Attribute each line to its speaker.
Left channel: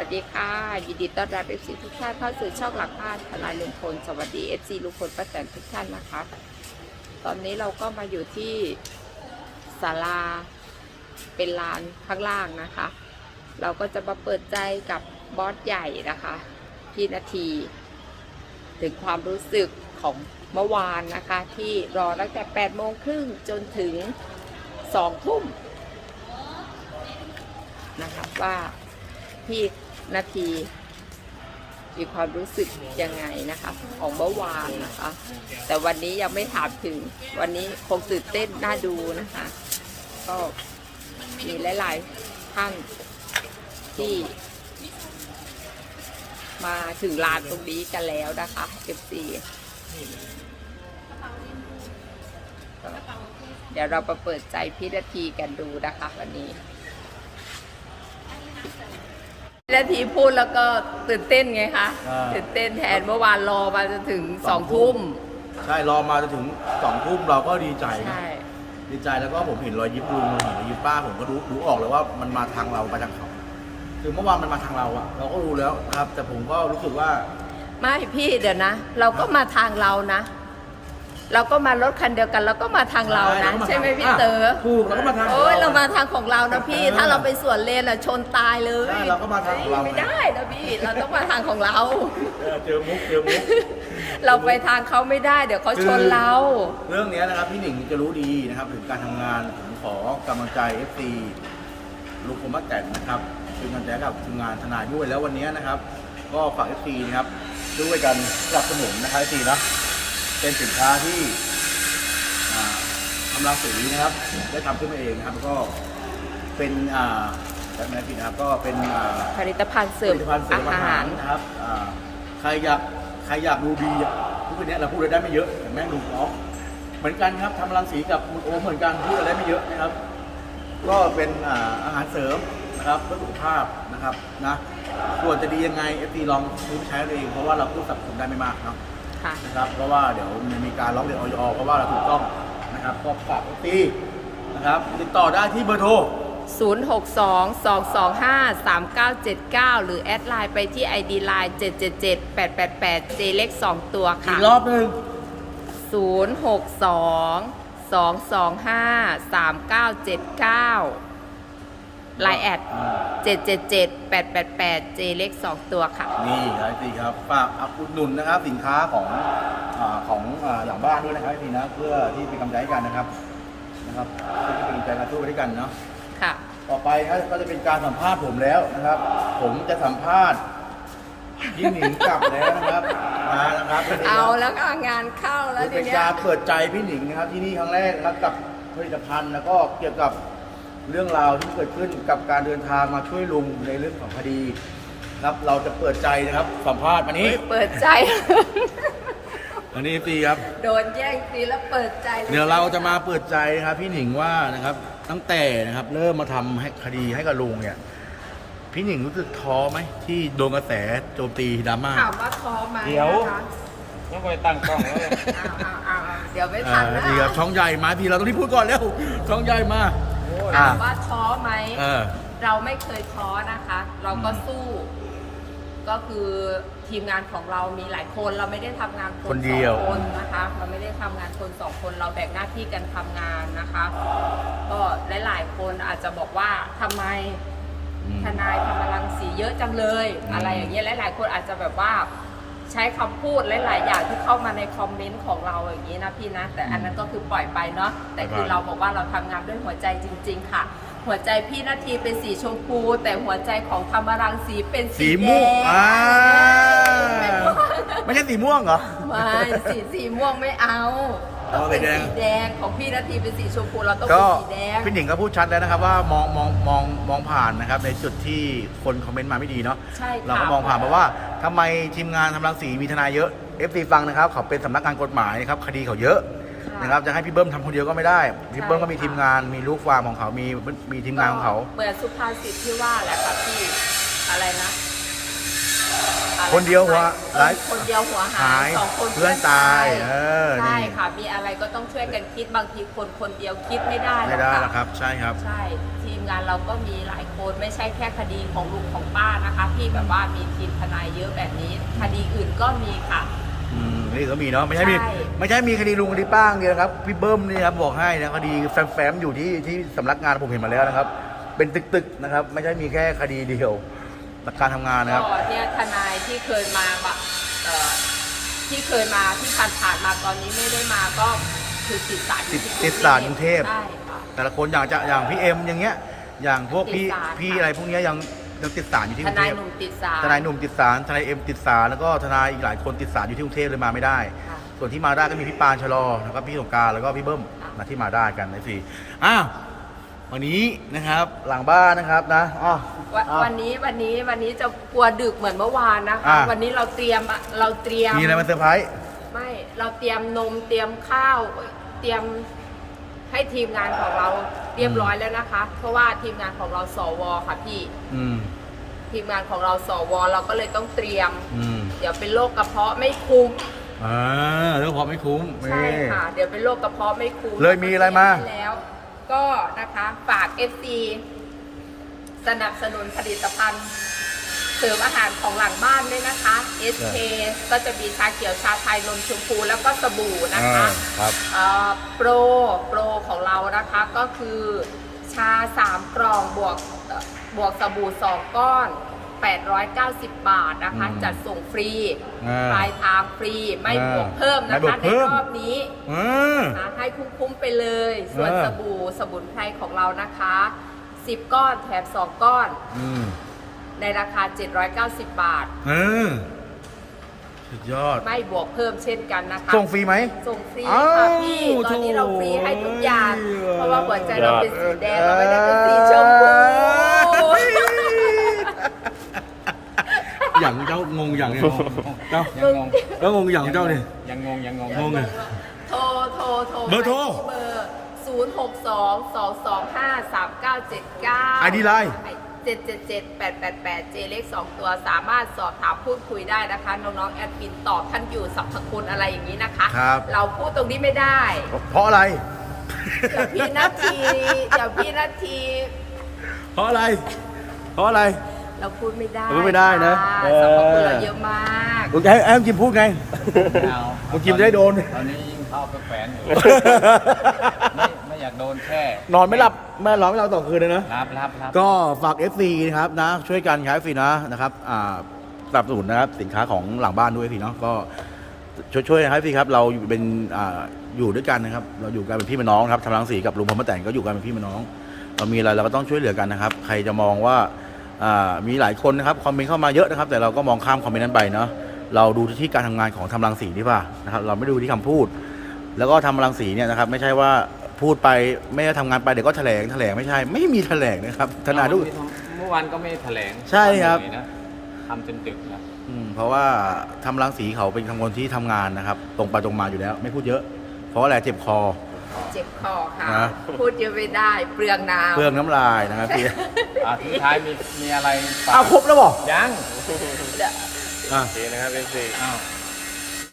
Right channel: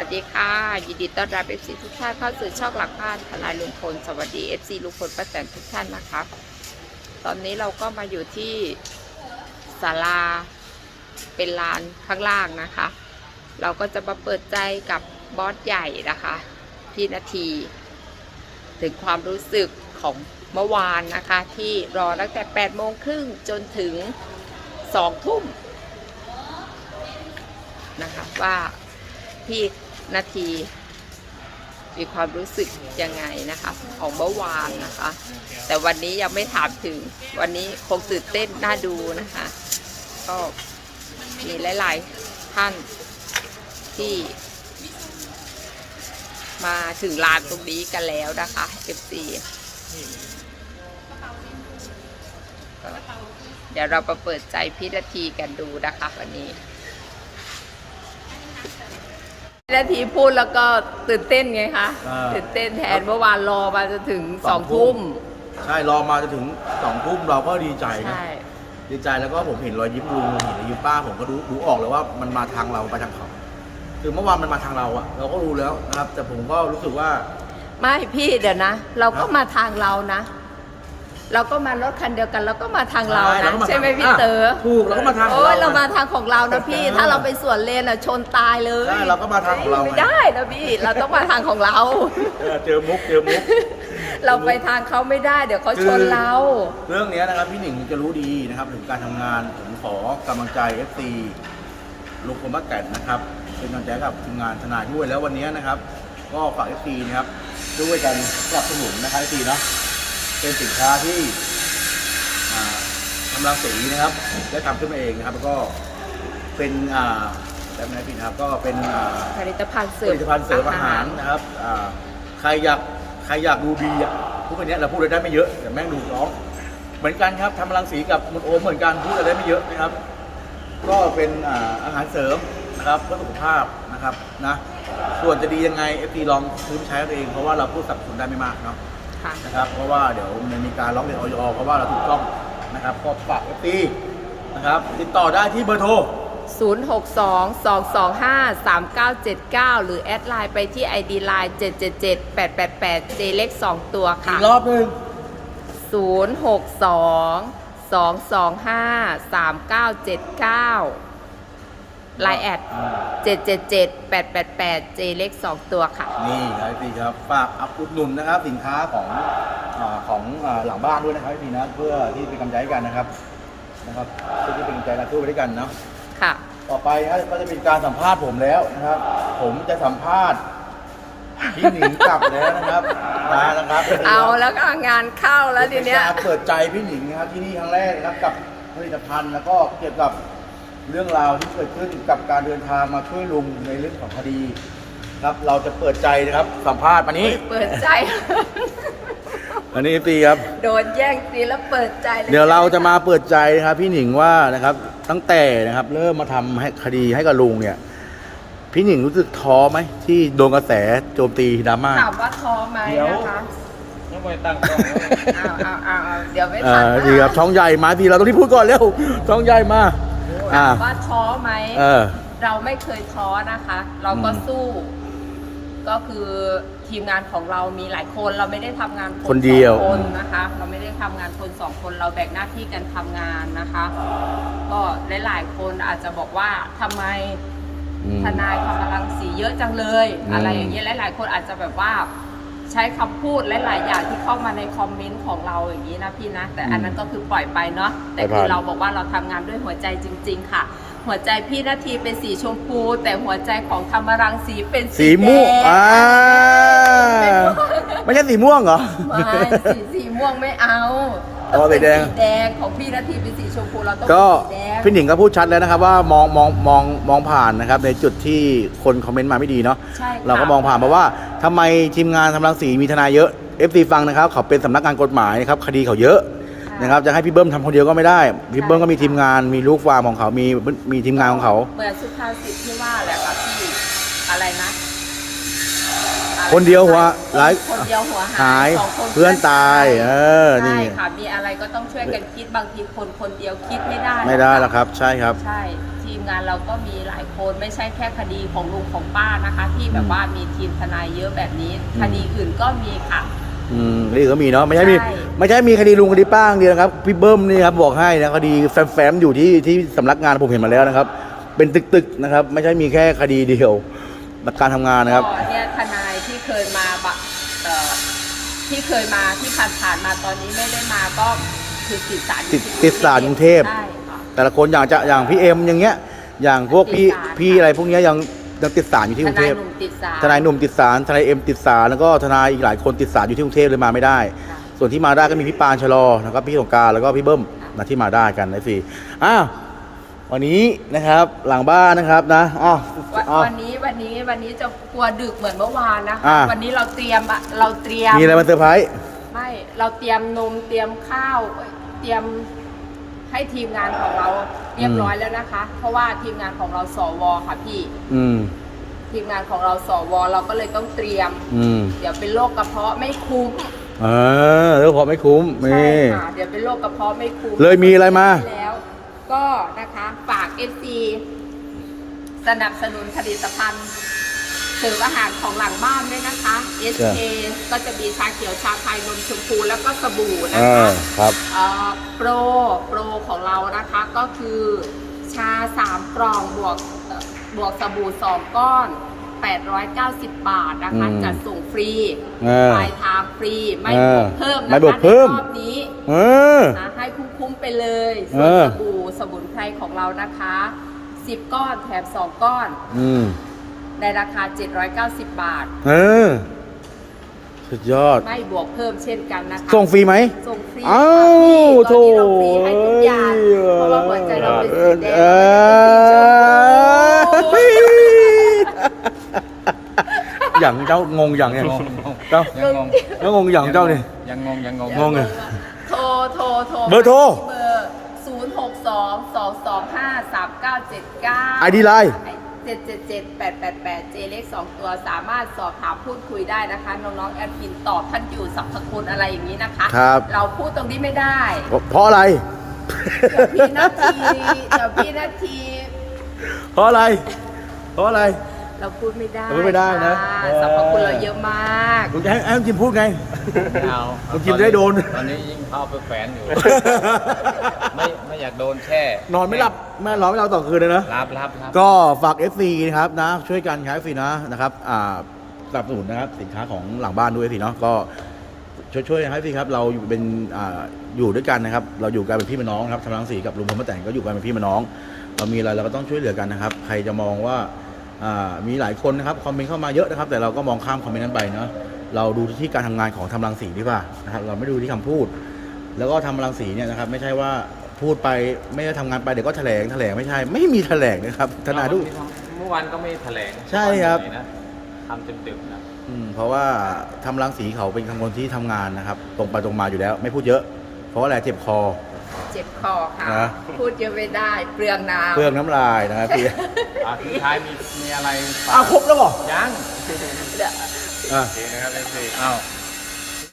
Speaker 1: วัสดีค่ะยินดีต้อนรับ FC ทุกท่านเข้าสู่ช่องหลักบ้านทนายลุงพลสวัสดี FC ลุงพลป้าแตนทุกท่านนะคะตอนนี้เราก็มาอยู่ที่ศาลาเป็นลานข้างล่างนะคะ เราก็จะมาเปิดใจกับบอสใหญ่นะคะ พี่นาที ถึงความรู้สึกของเมื่อวานนะคะ ที่รอตั้งแต่8โมงครึ่งจนถึง2ทุ่มนะคะว่าพี่ นาที มีความรู้สึกยังไงนะคะ ของเมื่อวานนะคะ แต่วันนี้ยังไม่ถามถึง วันนี้คงตื่นเต้นน่าดูนะคะ ก็มีหลาย ๆ ท่านที่ มาถึงลานตรงนี้กันแล้วนะคะ FC ก็เดี๋ยวเรามาเปิดใจพี่นาทีกันดูนะคะวันนี้ พี่นาทีพูดแล้วก็ตื่นเต้นไงคะ
Speaker 2: อ่า
Speaker 1: ตื่นเต้นแทนเมื่อวานรอมาจนถึงสองทุ่ม
Speaker 2: ใช่รอมาจะถึงสองทุ่มเราก็ดีใจนะ
Speaker 1: ใช่
Speaker 2: ดีใจแล้วก็ผมเห็นรอยยิ้มลุงเห็นรอยยิ้มป้าผมก็รู้รู้ออกเลยว่ามันมาทางเราไปทางเขาคือเมื่อวานมันมาทางเราอะเราก็รู้แล้วนะครับ แต่ผมก็รู้สึกว่า
Speaker 1: ไม่พี่เดี๋ยวนะ เราก็
Speaker 2: ครับ
Speaker 1: มาทางเรานะ เราก็มารถคันเดียวกันเราก็มาทางเรานะ
Speaker 2: ก็า
Speaker 1: ใช่ไหม
Speaker 2: ทาง
Speaker 1: พี่เต๋อะ
Speaker 2: ถูกเราก็มาทางของ
Speaker 1: โอ้ยเรา
Speaker 2: ไง
Speaker 1: มาทางของเรานะพี่
Speaker 2: เออ
Speaker 1: ถ้าเราไปสวนเลนอะชนตายเลย
Speaker 2: ใช่เราก็มาทางของเราไง
Speaker 1: ไม่ได้นะพี่เราต้องมาทางของเรา
Speaker 2: เออเจอมุกเจอมุก
Speaker 1: เราไปทางเขาไม่ได้เดี๋ยวเขาชนเรา
Speaker 2: เรื่องเนี้ยนะครับพี่หนิงจะรู้ดีนะครับถึงการทำงานผมขอกำลังใจ FC ลุงพลป้าแตนนะครับเป็นกำลังใจให้กับทีมงานทนายด้วยแล้ววันนี้นะครับ ก็ฝาก FC นะครับช่วยกันสนับสนุนนะครับ FC นะ เป็นสินค้าที่อ่าทำรังสีนะครับ ได้ทำขึ้นมาเองนะครับแล้วก็เป็นอ่าแบบไหนพี่นะครับก็เป็นอ่า
Speaker 1: ผลิตภัณฑ์เส
Speaker 2: ผ
Speaker 1: ริม
Speaker 2: ลิตภัณฑ์เสริมอาหารนะครับอ่าใครอยากใครอยากดูดีอะพูดไปเนี้ยเราพูดอะไรได้ไม่เยอะแต่แม่งดูร้องเหมือนกันครับทำรังสีกับมนโอมเหมือนกันพูดอะไรได้ไม่เยอะนะครับ ก็เป็นอ่าอาหารเสริมนะครับเพื่อสุขภาพนะครับนะส่วนจะดียังไงเอฟซีลองซื้อไปใช้เอาเองเพราะว่าเราพูดสับสนได้ไม่มากเนาะ
Speaker 1: ค่ะ
Speaker 2: นะครับเพราะว่าเดี๋ยวมันมีการร้องเรียนออยเพราะว่าเราถูกต้องนะครับก็ฝากเอฟซีนะครับติดต่อได้ที่เบอร์โทร
Speaker 1: 062-225-3979 หรือแอดไลน์ไปที่ ID Line 777-888 J เล็ก2ตัว
Speaker 2: อี
Speaker 1: ค่ะ
Speaker 2: กรอบหนึ่ง
Speaker 1: 062-225-3979 ไลน์แอด777-888 J เล็ก2ตัวค่ะ
Speaker 2: นี่ครับพี่ครับฝากอัพอุดหนุนนะครับสินค้าของอาของอาหลังบ้านด้วยนะครับพี่นะเพื่อที่เป็นกำลังใจให้กันนะครับนะครับเพื่อที่เป็นกำลังใจกันสู้ไปด้วยกันเนาะ
Speaker 1: ค่ะ
Speaker 2: ต่อไปนะก็จะเป็นการสัมภาษณ์ผมแล้วนะครับ ผมจะสัมภาษณ์พี่หนิงกลับแล้วนะครับมานะครับ
Speaker 1: เอาแล้วก็งานเข้าแล้วที
Speaker 2: เป็น
Speaker 1: เนี้ย
Speaker 2: การเปิดใจพี่หนิงนะครับที่นี่ครั้งแรกนะครับกับผลิตภัณฑ์แล้วก็เกี่ยวกับ เรื่องราวที่เกิดขึ้นกับการเดินทางมาช่วยลุงในเรื่องของคดีครับ เราจะเปิดใจนะครับสัมภาษณ์วันนี้
Speaker 1: เปิดใจ
Speaker 2: อันนี้ตีครับ
Speaker 1: โดนแย่งซีแล้วเปิดใจล
Speaker 2: เดี๋ยวเราจะมาเปิดใจนะครับ พี่หนิงว่านะครับ ตั้งแต่นะครับ เริ่มมาทำให้คดีให้กับลุงเนี่ย พี่หนิงรู้สึกท้อไหมที่โดนกระแสโจมตีดราม่า
Speaker 1: ถามว่าท้อไหม
Speaker 2: เดี๋ยว
Speaker 1: นะคะ
Speaker 3: ยังไปตั้งกล้องไว้
Speaker 1: เอาเอาเอาเอาเดี๋ยวไม่
Speaker 2: เอ
Speaker 1: ทัน
Speaker 2: อ
Speaker 1: นะ
Speaker 2: ดีครับช่องใหญ่มาทีเราต้องที่พูดก่อนเร็วช่องใหญ่มาอ่า
Speaker 1: ถามว่าท้อไหม
Speaker 2: เออ
Speaker 1: เราไม่เคยท้อนะคะ เราก็
Speaker 2: อืม
Speaker 1: สู้ ก็คือทีมงานของเรามีหลายคน เราไม่ได้ทำงาน
Speaker 2: คนเดียว
Speaker 1: สองคนนะคะ เราไม่ได้ทำงานคนสองคน เราแบ่งหน้าที่กันทำงานนะคะ ก็หลายๆคนอาจจะบอกว่าทำไม
Speaker 2: อืม
Speaker 1: ทนายทำพลังสีเยอะจังเลย
Speaker 2: อืม
Speaker 1: อะไรอย่างเงี้ยหลายๆคนอาจจะแบบว่า ใช้คำพูดหลายๆอย่างที่เข้ามาในคอมเมนต์ของเราอย่างนี้นะพี่นะ แต่อันนั้นก็คือปล่อยไปเนาะแต่คือเราบอกว่าเราทำงานด้วยหัวใจจริง ๆ ค่ะ หัวใจพี่นาทีเป็นสีชมพู แต่หัวใจของธรรมรังสีเป็น
Speaker 2: สี
Speaker 1: สี
Speaker 2: ม่วง
Speaker 1: แด
Speaker 2: อ่าง
Speaker 1: ไม่ม่วง
Speaker 2: ไม่ใช่สีม่วงเหรอ
Speaker 1: ไม่สีสีม่วงไม่เอา
Speaker 2: เอา
Speaker 1: ต้องเป็น
Speaker 2: สีแดง
Speaker 1: สีแดงของพี่นาทีเป็นสีชมพูเราต้องเป็
Speaker 2: ก็
Speaker 1: นสีแดง
Speaker 2: พี่หนิงก็พูดชัดแล้วนะครับว่ามองมองมองมองผ่านนะครับในจุดที่คนคอมเมนต์มาไม่ดีเนาะ
Speaker 1: ใช่ค่ะ
Speaker 2: เราก็มองผ่านเพราะว่าทำไมทีมงานทำรังสีมีทนายเยอะ FC ฟังนะครับเขาเป็นสำนักงานกฎหมายนะครับคดีเขาเยอะ
Speaker 1: ค่ะ
Speaker 2: นะครับจะให้พี่เบิ้มทำคนเดียวก็ไม่ได้พี่เบิ้มก็มี
Speaker 1: ใช่ค่ะ
Speaker 2: ทีมงานมีลูกฟาร์มของเขามีมีทีมงานของเขา
Speaker 1: เหมือนสุภาษิตที่ว่าแหละค่ะพี่อะไรนะ อะไระ
Speaker 2: คนเดียวหัวหลาย
Speaker 1: คนเดียวหัวหายสองคน
Speaker 2: เพื่อนตายเออ
Speaker 1: ใช่
Speaker 2: นี่
Speaker 1: ค่ะ มีอะไรก็ต้องช่วยกันคิดบางทีคนคนเดียวคิดไม่ได้
Speaker 2: ไม่ได้
Speaker 1: หรอก
Speaker 2: แล้วครับ ใช่ครับ
Speaker 1: ใช่ทีทีมงานเราก็มีหลายคนไม่ใช่แค่คดีของลุงของป้านะคะ ที่แบบว่ามีทีมทนายเยอะแบบนี้ คดีอื่นก็มีค่ะ
Speaker 2: อืมนี่ก็มีเนาะไม่ใช่มี
Speaker 1: ใช่
Speaker 2: ไม่ใช่มีคดีลุงคดีป้าอย่างเดียวนะครับพี่เบิ้มนี่ครับบอกให้นะคดีแฟ้มๆอยู่ที่ที่สำนักงานผมเห็นมาแล้วนะครับ เป็นตึกๆนะครับ ไม่ใช่มีแค่คดีเดียว การทำงานนะครับ
Speaker 1: ก็เนี่ยทนายที่เคยมาบะเอ่อที่เคยมาที่ผ่านๆมาตอนนี้ไม่ได้มาก็คือติดศาลอยู่
Speaker 2: ติด
Speaker 1: ที่
Speaker 2: ติดศาลกรุงเทพ
Speaker 1: ใช่ค่ะ
Speaker 2: แต่ละคนอย่างจะอย่างพี่เอ็มอย่างเงี้ย อย่างพวกพี่
Speaker 1: ติดศาล
Speaker 2: พี่
Speaker 1: ค่ะ
Speaker 2: อะไรพวกเนี้ยยังยังติดศาลอยู่ที่
Speaker 1: ท
Speaker 2: กรุง
Speaker 1: นา
Speaker 2: เท
Speaker 1: ย
Speaker 2: พ
Speaker 1: หนุ่มติดศาล
Speaker 2: ทนายหนุ่มติดศาลทนายเอ็มติดศาลแล้วก็ทนายอีกหลายคนติดศาลอยู่ที่กรุงเทพเลยมาไม่ได้
Speaker 1: ค่ะ
Speaker 2: ส่วนที่มาได้ก็มีพี่ปานชะลอนะครับพี่สงกรารแล้วก็พี่เบิ้ม
Speaker 1: ค่ะ
Speaker 2: นะที่มาได้กันนะทีอ้าว วันนี้นะครับหลังบ้านนะครับนะอ้าว
Speaker 1: วัน
Speaker 2: อ้าว
Speaker 1: วันนี้วันนี้วันนี้จะกลัวดึกเหมือนเมื่อวานนะคะ
Speaker 2: อ่า
Speaker 1: วันนี้เราเตรียมอะเราเตรียม
Speaker 2: มีอะไรมาเซอร์ไพรส์
Speaker 1: ไม่เราเตรียมนมเตรียมข้าวเตรียมให้ทีมงานของเราเรียบร้อยแล้วนะคะ เพราะว่าทีมงานของเราสวค่ะพี่
Speaker 2: อืม
Speaker 1: ทีมงานของเราสวเราก็เลยต้องเตรียม
Speaker 2: อืม
Speaker 1: เดี๋ยวเป็นโรคกระเพาะไม่คุ้ม
Speaker 2: เออแล้วพอไม่คุ้ม
Speaker 1: ใช่
Speaker 2: นี่
Speaker 1: ค่ะเดี๋ยวเป็นโรคกระเพาะไม่คุ้ม
Speaker 2: เลยมีอะไรมา
Speaker 1: แล้ว ก็นะคะฝาก FC สนับสนุนผลิตภัณฑ์ เสริมอาหารของหลังบ้านด้วยนะคะ SK ก็จะมีชาเขียวชาไทยนมชมพูแล้วก็สบู่นะ
Speaker 2: อ่า
Speaker 1: คะ
Speaker 2: ครับ
Speaker 1: เอ่อโปรโปรของเรานะคะก็คือชา3กล่องบวกเอ่อบวกสบู่2ก้อน 890 บาทนะคะ
Speaker 2: อืม
Speaker 1: จัดส่งฟรี
Speaker 2: เออ
Speaker 1: ปลายทางฟรีไม่
Speaker 2: เออบ
Speaker 1: วกเพิ่ม
Speaker 2: ไม่
Speaker 1: นะ
Speaker 2: บว
Speaker 1: คะ
Speaker 2: ก
Speaker 1: ใน
Speaker 2: เพิ่ม
Speaker 1: รอบนี้
Speaker 2: เออ
Speaker 1: นะให้คุ้มๆไปเลย ส่วน
Speaker 2: เออ
Speaker 1: สบู่สมุนไพรของเรานะคะ 10 ก้อนแถม 2 ก้อน
Speaker 2: อืม
Speaker 1: ในราคา 790 บาท
Speaker 2: เออ สุดยอด
Speaker 1: ไม่บวกเพิ่มเช่นกันนะคะ
Speaker 2: ส่งฟรีไหม
Speaker 1: ส่งฟรี
Speaker 2: อ้า
Speaker 1: ค่ะ
Speaker 2: ว
Speaker 1: พี่
Speaker 2: โถ
Speaker 1: ตอนนี้เราฟรีให้ทุกอย่างเพราะว่าหัวใจเราเป็นสีแดง
Speaker 2: เอ
Speaker 1: เรา
Speaker 2: อ
Speaker 1: ไม่ได้เป็นสีชมพู
Speaker 2: อย่างเจ้างงอย่างเนี่ยเจ้า
Speaker 3: ยังงง
Speaker 2: แล้วงงอย่างเจ้าเนี่ย
Speaker 3: ยังงงยังงง
Speaker 2: งงเลย
Speaker 1: โทรโทรโทร
Speaker 2: เบอร์โทร
Speaker 1: ไปที่เบอร์0 6 2 2 2 5 3 9 7 9
Speaker 2: ID Line
Speaker 1: 7 7 7 8 8 8เจเล็ก2ตัวสามารถสอบถามพูดคุยได้นะคะ น้องๆแอดมินตอบท่านอยู่สัพพคุณอะไรอย่างนี้นะคะ
Speaker 2: ครับ
Speaker 1: เราพูดตรงนี้ไม่ได้
Speaker 2: เพราะอะไร
Speaker 1: เดี๋ยวพี่นาทีเดี๋ยวพี่นาที
Speaker 2: เพราะอะไร เพราะอะไร
Speaker 1: เราพูดไม่ได้
Speaker 2: พูดไม่ได้นะ
Speaker 1: ค่
Speaker 2: เออ
Speaker 1: สรรพคุณเราเยอะมาก
Speaker 2: ลุงจะให้ให้ลุงจิมพูดไง
Speaker 3: ไม่เอา
Speaker 2: คุณกินได้โดน
Speaker 3: ตอนนี้ยิ่งเข้าไปแฝนอยู่ ไม่ไม่อยากโดนแช่
Speaker 2: นอนไม่หลับไม่นอนไม่หลับต่อคืนเลยนะ
Speaker 3: รับรับรับ
Speaker 2: ก็ฝาก FC นะครับนะช่วยกันครับ FC นะนะครับอ่าสนับสนุนนะครับสินค้าของหลังบ้านด้วย FC เนาะก็ช่วยช่วยนะครับ FC ครับเราอยู่เป็นอ่าอยู่ด้วยกันนะครับ เราอยู่กันเป็นพี่เป็นน้องครับทำรังสีกับลุงพลป้าแต่งก็อยู่กันเป็นพี่เป็นน้อง เรามีอะไรเราก็ต้องช่วยเหลือกันนะครับ ใครจะมองว่าอ่า มีหลายคนนะครับคอมเมนต์เข้ามาเยอะนะครับ แต่เราก็มองข้ามคอมเมนต์นั้นไปเนาะเราดูที่การทำงานของทำรังสีดีกว่านะครับ เราไม่ดูที่คำพูด แล้วก็ทำรังสีเนี่ยนะครับ ไม่ใช่ว่าพูดไปไม่ได้ทำงานไปเดี๋ยวก็แถลงแถลงไม่ใช่ ไม่มีแถลงนะครับทนายทุก
Speaker 3: เมื่อวานก็ไม่แถลง
Speaker 2: ใช่ครับ
Speaker 3: นะทำจนดึกนะ
Speaker 2: อืมเพราะว่าทำรังสีเขาเป็นคนที่ทำงานนะครับ ตรงไปตรงมาอยู่แล้ว ไม่พูดเยอะ เพราะว่าอะไรเจ็บคอ
Speaker 1: เจ็บคอค่ะ
Speaker 2: นะ
Speaker 1: พูดเยอะไม่ได้เปลืองน้ำ
Speaker 2: เปลืองน้ำลายนะครับพี่
Speaker 3: อะสุดท้ายมีมีอะไรฝาก
Speaker 2: อ้าวครบแล้วเหรอ
Speaker 3: ยัง
Speaker 1: เดี๋ยว
Speaker 2: อะ
Speaker 3: โอเคนะครับเป็นสี่อ้าว